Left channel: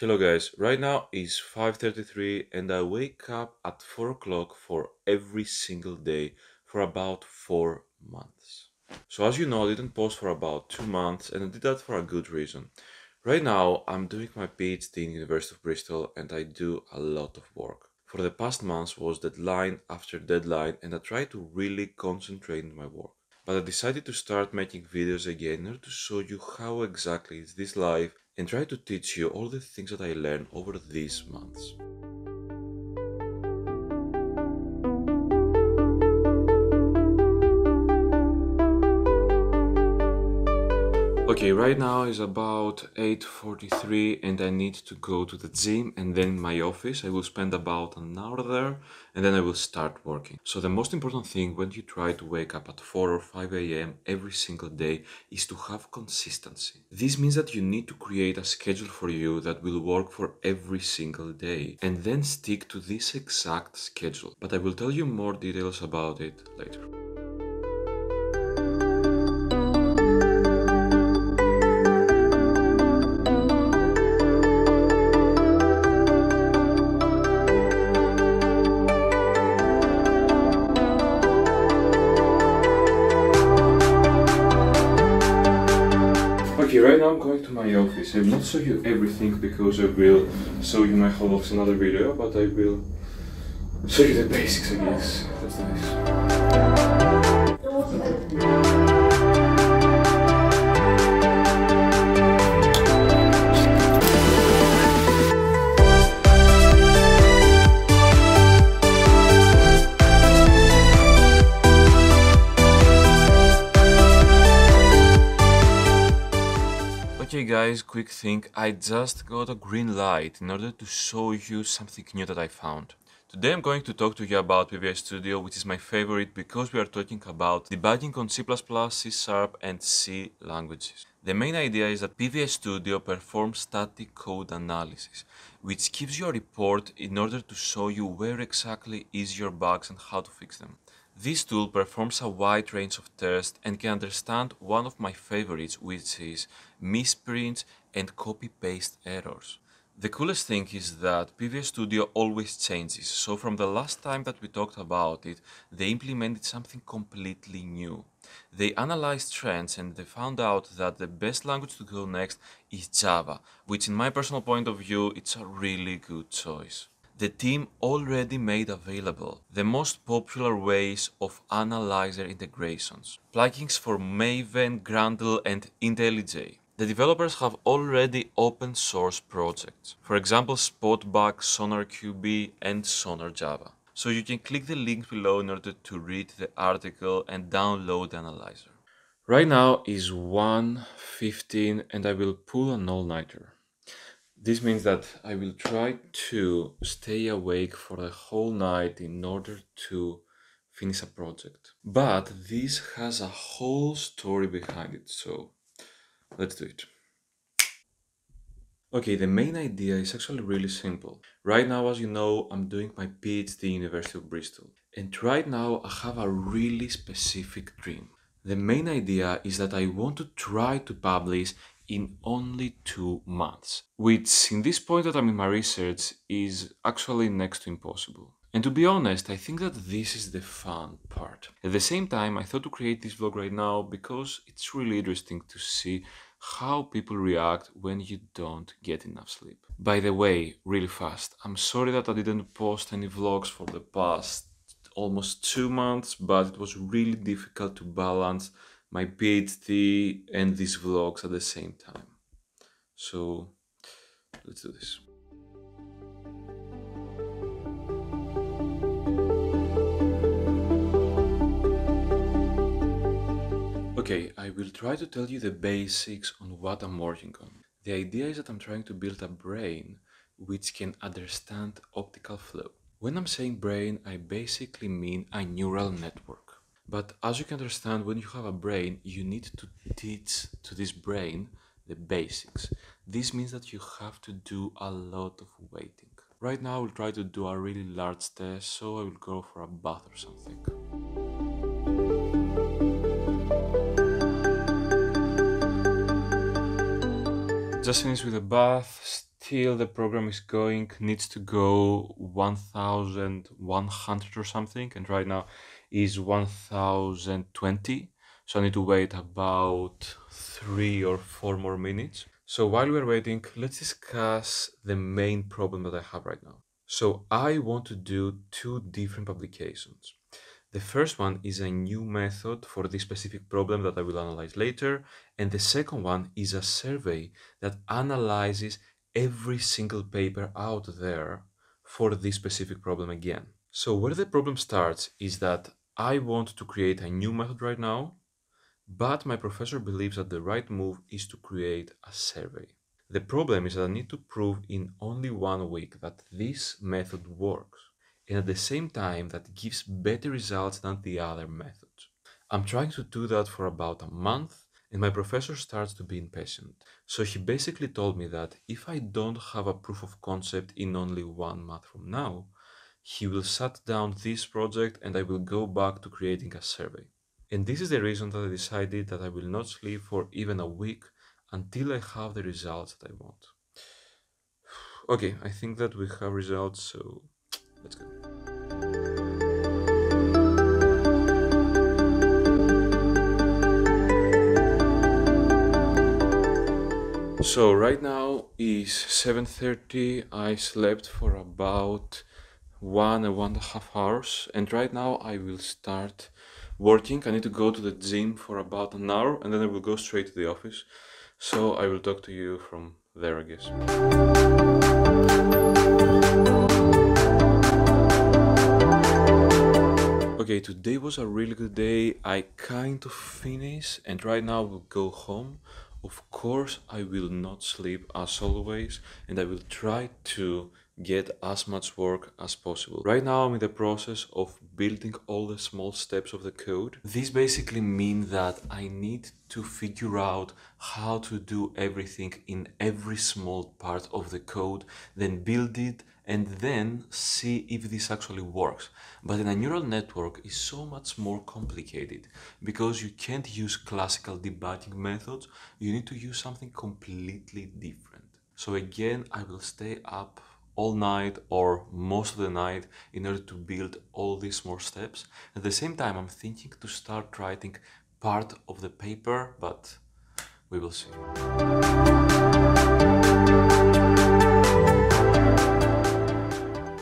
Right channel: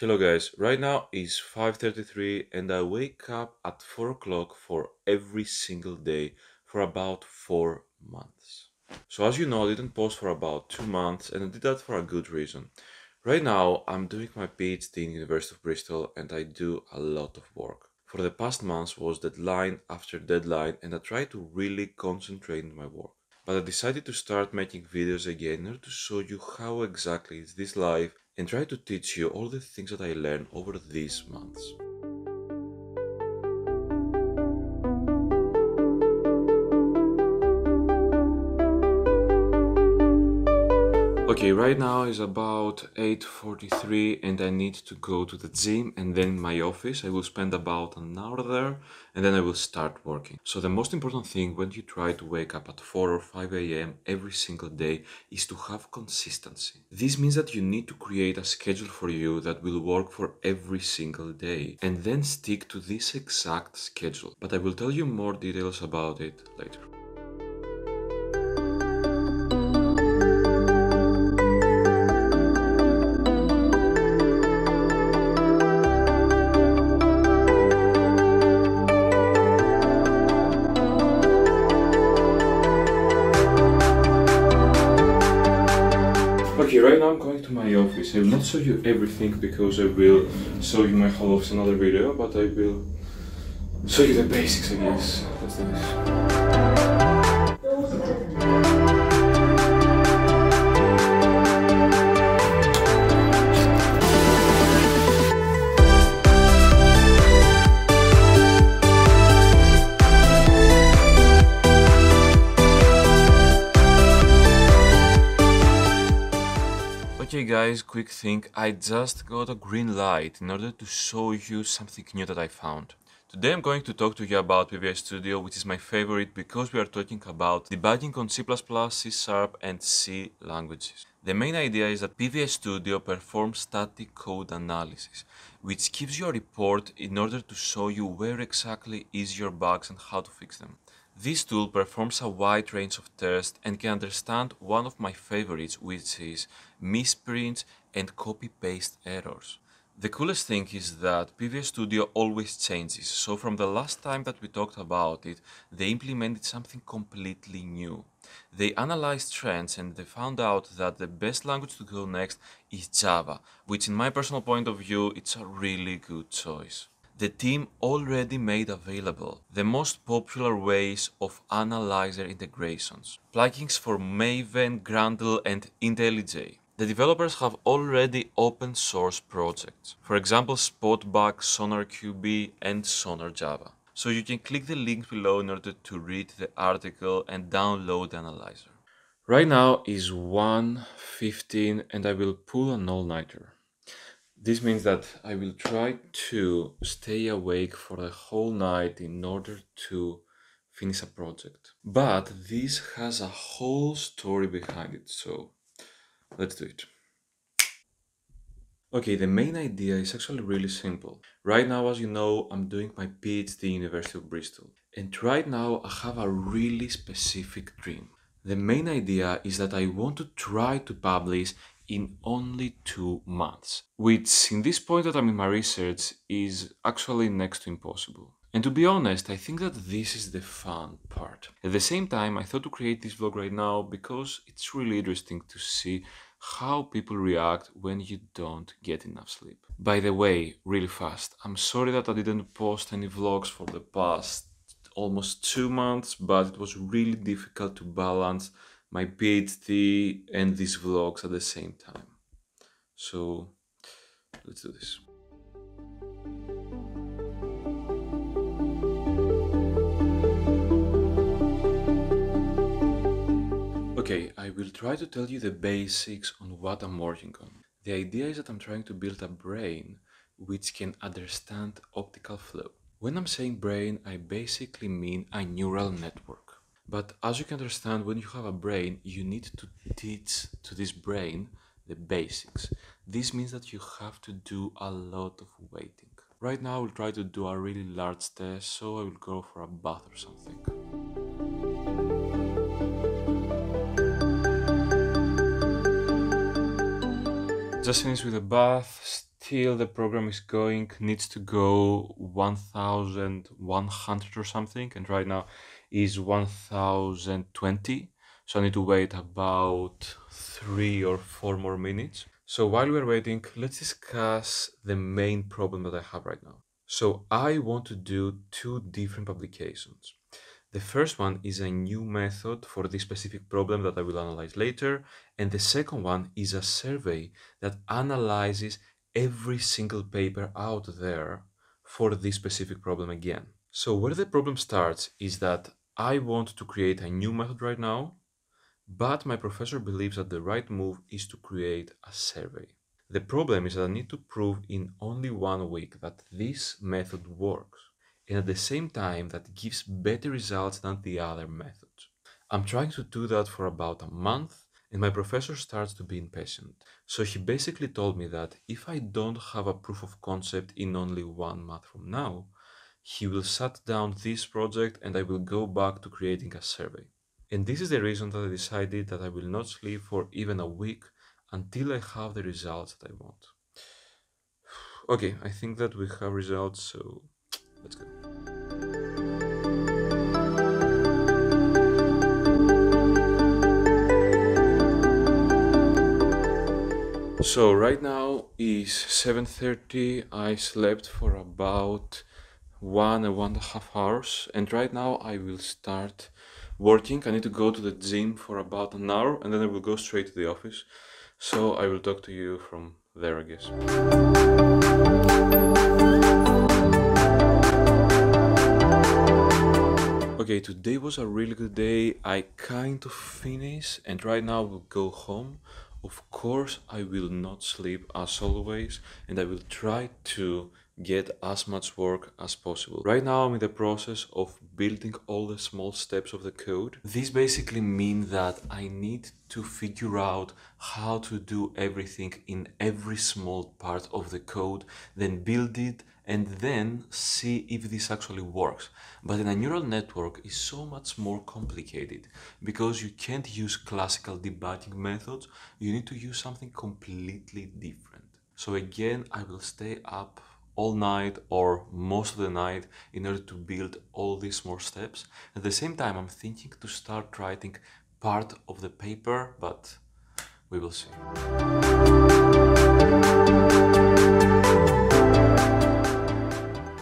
Hello guys, right now is 5:33 and I wake up at 4 o'clock for every single day for about 4 months. So as you know, I didn't post for about 2 months and I did that for a good reason. Right now, I'm doing my PhD in University of Bristol and I do a lot of work. For the past months was deadline after deadline and I try to really concentrate on my work. But I decided to start making videos again in order to show you how exactly is this life and try to teach you all the things that I learned over these months. Okay, right now is about 8:43 and I need to go to the gym and then in my office. I will spend about an hour there and then I will start working. So the most important thing when you try to wake up at 4 or 5 a.m. every single day is to have consistency. This means that you need to create a schedule for you that will work for every single day and then stick to this exact schedule. But I will tell you more details about it later. Okay, right now I'm going to my office. I will not show you everything because I will show you my whole office in another video, but I will show you the basics, I guess. Let's do this. Okay guys, quick thing, I just got a green light in order to show you something new that I found. Today I'm going to talk to you about PVS-Studio, which is my favorite because we are talking about debugging on C++, C# and C languages. The main idea is that PVS-Studio performs static code analysis, which gives you a report in order to show you where exactly is your bugs and how to fix them. This tool performs a wide range of tests and can understand one of my favorites, which is misprints and copy-paste errors. The coolest thing is that PVS-Studio always changes, so from the last time that we talked about it, they implemented something completely new. They analyzed trends and they found out that the best language to go next is Java, which in my personal point of view, it's a really good choice. The team already made available the most popular ways of analyzer integrations, plugins for Maven, Grandel, and IntelliJ. The developers have already open source projects, for example Spotback, SonarQB, and SonarJava. So you can click the link below in order to read the article and download the analyzer. Right now is 1:15 and I will pull an all-nighter. This means that I will try to stay awake for the whole night in order to finish a project. But this has a whole story behind it, so let's do it. Okay, the main idea is actually really simple. Right now, as you know, I'm doing my PhD in University of Bristol. And right now, I have a really specific dream. The main idea is that I want to try to publish in only 2 months, which in this point that I'm in my research is actually next to impossible. And to be honest, I think that this is the fun part. At the same time, I thought to create this vlog right now because it's really interesting to see how people react when you don't get enough sleep. By the way, really fast, I'm sorry that I didn't post any vlogs for the past almost 2 months, but it was really difficult to balance my PhD and these vlogs at the same time. So let's do this. Okay, I will try to tell you the basics on what I'm working on. The idea is that I'm trying to build a brain which can understand optical flow. When I'm saying brain, I basically mean a neural network. But as you can understand, when you have a brain, you need to teach to this brain the basics. This means that you have to do a lot of waiting. Right now, I will try to do a really large test, so I will go for a bath or something. Just finished with a bath, still the program is going, needs to go 1100 or something, and right now is 1020, so I need to wait about 3 or 4 more minutes. So while we're waiting, let's discuss the main problem that I have right now. So I want to do two different publications. The first one is a new method for this specific problem that I will analyze later, and the second one is a survey that analyzes every single paper out there for this specific problem again. So where the problem starts is that I want to create a new method right now, but my professor believes that the right move is to create a survey. The problem is that I need to prove in only 1 week that this method works, and at the same time that gives better results than the other methods. I'm trying to do that for about a month, and my professor starts to be impatient. So he basically told me that if I don't have a proof of concept in only 1 month from now, he will shut down this project and I will go back to creating a survey. And this is the reason that I decided that I will not sleep for even a week until I have the results that I want. Okay, I think that we have results, so let's go. So right now is 7:30. I slept for about 1.5 hours, and right now I will start working. I need to go to the gym for about an hour, and then I will go straight to the office. So I will talk to you from there, I guess. Okay, today was a really good day. I kind of finished, and right now I will go home. Of course, I will not sleep as always, and I will try to get as much work as possible. Right now, I'm in the process of building all the small steps of the code. This basically means that I need to figure out how to do everything in every small part of the code, then build it, and then see if this actually works. But in a neural network is so much more complicated because you can't use classical debugging methods, you need to use something completely different. So again, I will stay up all night or most of the night in order to build all these more steps. At the same time, I'm thinking to start writing part of the paper, but we will see.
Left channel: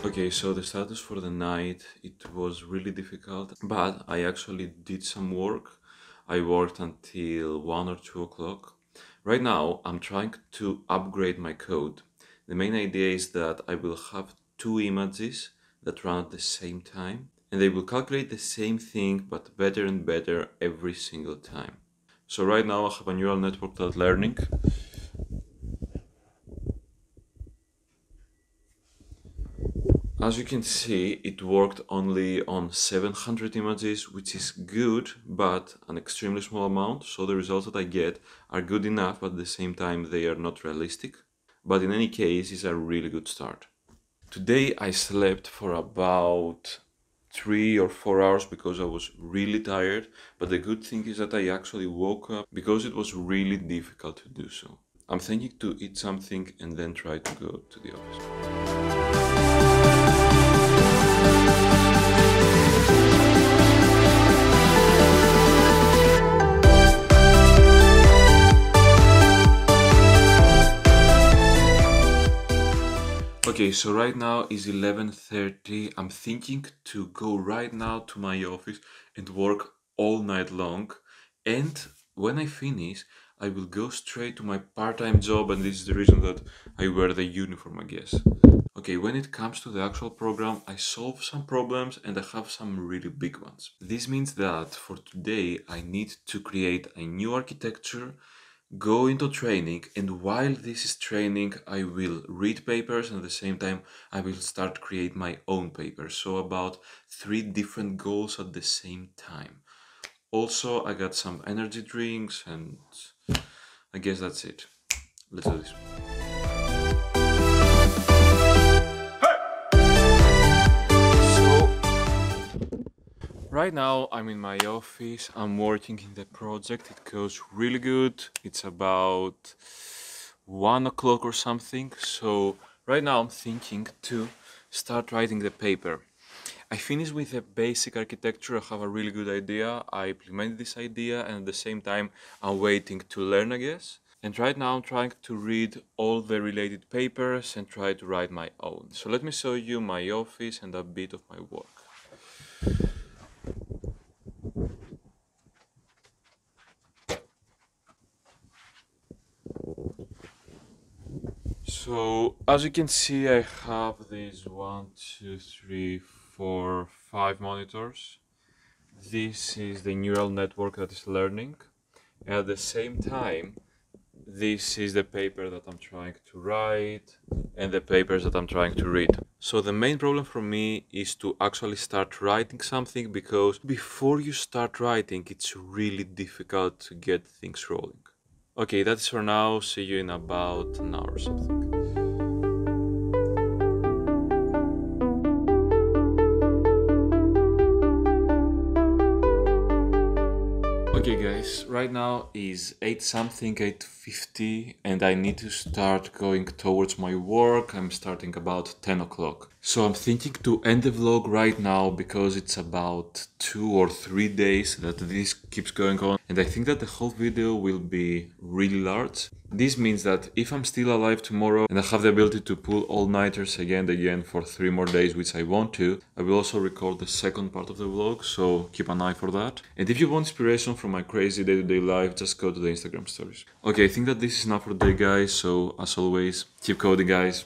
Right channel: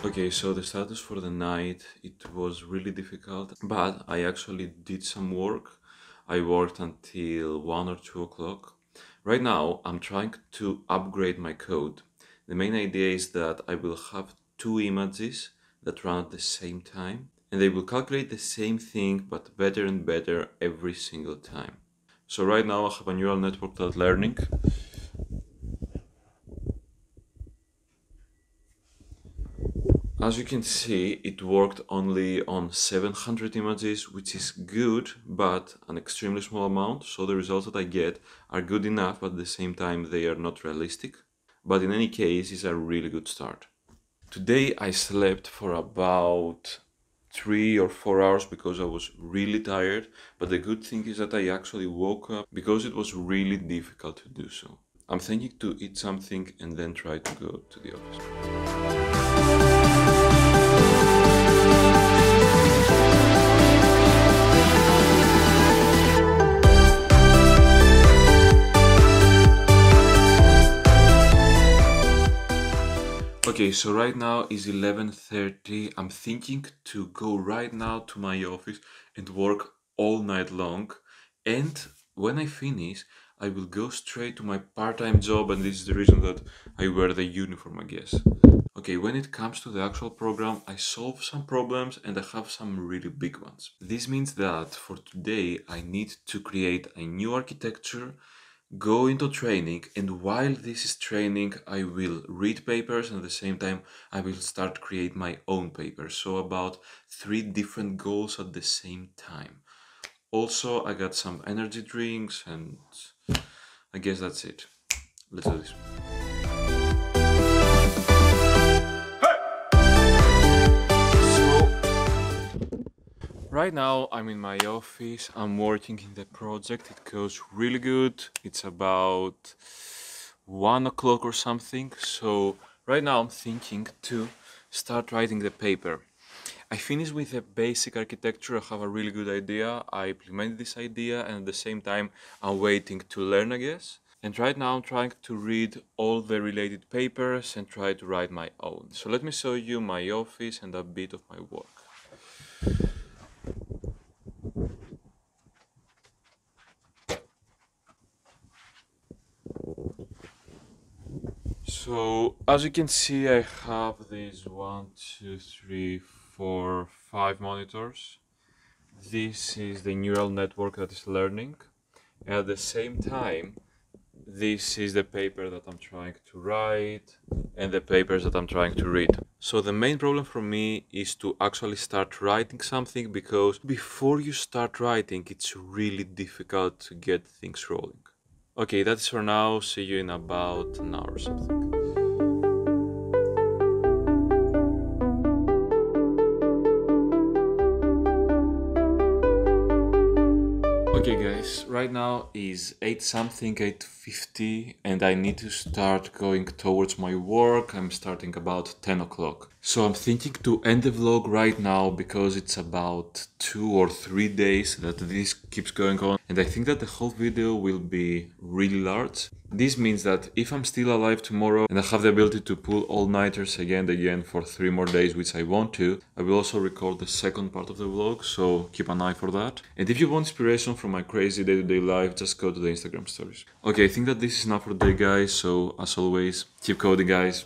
Okay, so the status for the night, it was really difficult, but I actually did some work. I worked until 1 or 2 o'clock. Right now, I'm trying to upgrade my code. The main idea is that I will have 2 images that run at the same time, and they will calculate the same thing, but better and better every single time. So right now I have a neural network that's learning. As you can see, it worked only on 700 images, which is good, but an extremely small amount. So the results that I get are good enough, but at the same time they are not realistic. But in any case, it's a really good start. Today I slept for about 3 or 4 hours because I was really tired, but the good thing is that I actually woke up because it was really difficult to do so. I'm thinking to eat something and then try to go to the office. Okay, so right now is 11:30. I'm thinking to go right now to my office and work all night long. And when I finish, I will go straight to my part-time job, and this is the reason that I wear the uniform, I guess. Okay, when it comes to the actual program, I solve some problems and I have some really big ones. This means that for today, I need to create a new architecture, go into training, and while this is training I will read papers and at the same time I will start create my own papers. So about 3 different goals at the same time. Also I got some energy drinks and I guess that's it. Let's do this. Right now I'm in my office, I'm working in the project, it goes really good. It's about 1 o'clock or something. So right now I'm thinking to start writing the paper. I finished with a basic architecture. I have a really good idea. I implemented this idea, and at the same time I'm waiting to learn, I guess. And right now I'm trying to read all the related papers and try to write my own. So let me show you my office and a bit of my work. So as you can see, I have these 1, 2, 3, 4, 5 monitors. This is the neural network that is learning. At the same time, this is the paper that I'm trying to write and the papers that I'm trying to read. So the main problem for me is to actually start writing something, because before you start writing, it's really difficult to get things rolling. Okay, that's for now. See you in about an hour or something. Okay guys, right now is 8 something, 8:50, and I need to start going towards my work. I'm starting about 10 o'clock. So I'm thinking to end the vlog right now, because it's about 2 or 3 days that this keeps going on, and I think that the whole video will be really large. This means that if I'm still alive tomorrow and I have the ability to pull all-nighters again and again for 3 more days, which I want to, I will also record the second part of the vlog, so keep an eye for that. And if you want inspiration from my crazy day-to-day life, just go to the Instagram stories. Okay, I think that this is enough for today, guys, so as always, keep coding, guys.